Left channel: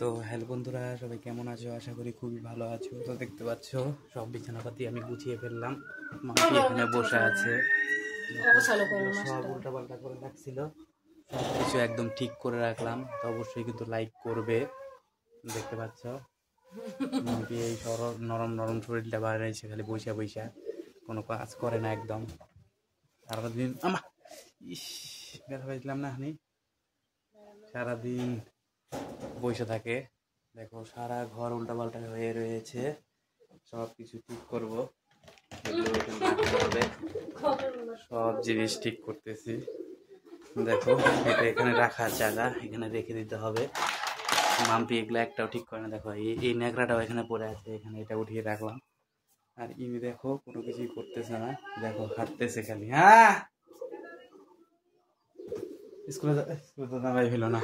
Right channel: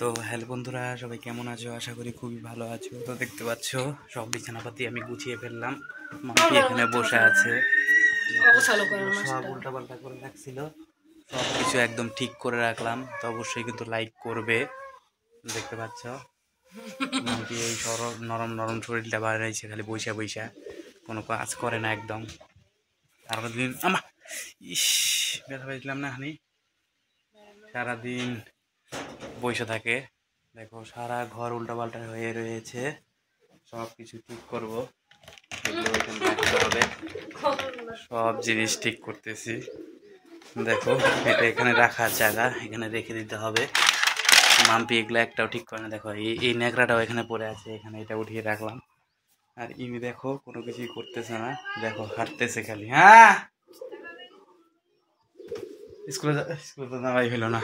তো হ্যালো বন্ধুরা, সবাই কেমন আছো? আশা করি খুবই ভালো আছো। তো দেখতে পাচ্ছ সব বিছানাপাতি আমি গুছিয়ে ফেললাম। মাম্পি এখানে বসে আছে। সব উল্টা পাল্টা করে রাখছিল, সব কিছু একদম ঠিক করে রাখলাম। তো অবশ্যই কিন্তু লাইক করবে। দেখতে পাচ্ছ মাম্পি এই নরম নরম শরীরটা বাড়াইছে, খালি বৈশা বৈশা কোনো কাজ করে না একদম। সারাদিন ইস ব্যথা পাইছিলাম না হানি, সারাদিন বসে থাকে। দেখো সারা ঘর উল্টাপাল্টা হয়ে রয়েছে, সব কিছু ঠিক করবো, এগুলো এখানে রাখতে হবে। সব জিনিস ঠিক করতেছি। দেখো এটা এখানে রাখার জায়গা, এখানে রেখে দিতে হবে। মাম্পি এগুলো একটাও ঠিক করে না। দেখো এই ন্যাকড়াটাও এখানে পড়ে আছে, এখানে এটা উঠিয়ে রাখলাম। আর ইমি দেখো কোনো কিছুই করতেছে না, দেখো হাঁটতেছে খালি। হ্যাঁ, স্কুলে তো যাওয়াই হলো না।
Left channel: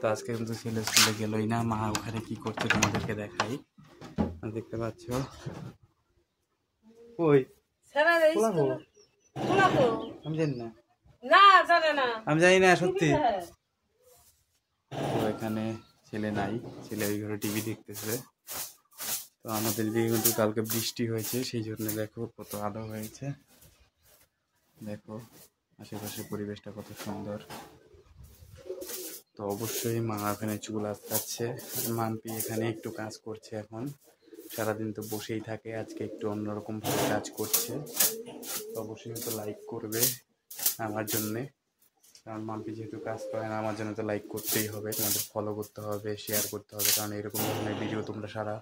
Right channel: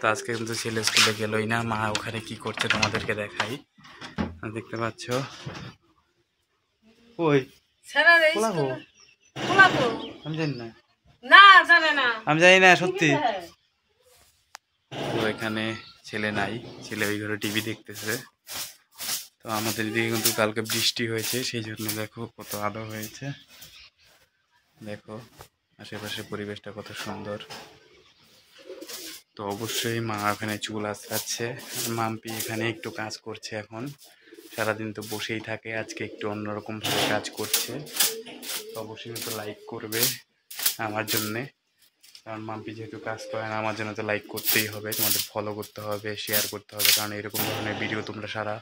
তো আজকে কিন্তু ছেলে স্কুলে গেলই না। মা ওখানে কি করছে তোমাদেরকে দেখাই। দেখতে পাচ্ছ ওই আমি জানি না, আমি জানি না সত্যি। তো এখানে ছেলে নাই, ছেলে ওই ঘরে টিভি দেখতেছে। তো আমাদের দিকে কিন্তু কালকে বৃষ্টি হয়েছে, সেই জন্য দেখো কত আলো হয়েছে। দেখো আশেপাশে পরিবেশটা কত সুন্দর। তো অবশ্যই মা এখানে চুল আঁচড়াচ্ছে, আর মাম্পি এখানে একটু কাজ করছে। এখন সারাদিন তো বসেই থাকে, আজকে একটু অন্যরকমভাবে কাজ করছে। তো অবশ্যই কিন্তু লাইক করবে আমার জন্যে, কারণ মাম্পি যেহেতু কাজ করে না, আমার জন্য তো লাইক করতেই হবে, তোমাদের ফলো করতে হবে, শেয়ার করতে হবে, কারণ এরকম ধরনের ভিডিও তোমরা সারা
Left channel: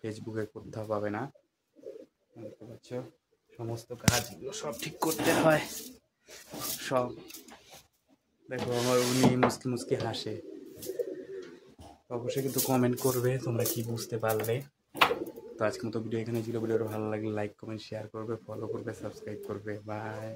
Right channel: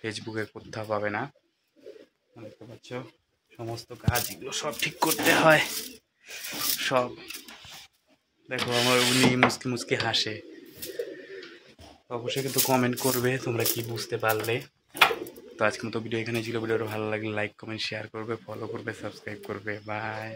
ফেসবুকে কোথাও পাবে না। দেখতে পাচ্ছ সমস্ত কাজ এগুলো সব ঠিক করতে হয় সব। দেখো আমার উনি মুসকি মুসকি হাসে। অবশ্যই কিন্তু কমেন্ট করবে তোমরা কি বুঝতে পারলে। তো আজকের মতো ভিডিও এখানে ছিল। ভিডিওটা ভালো লাগলে লাইক কমেন্ট শেয়ার করবে, ফলো করবে, সাবস্ক্রাইব করবে। বাই।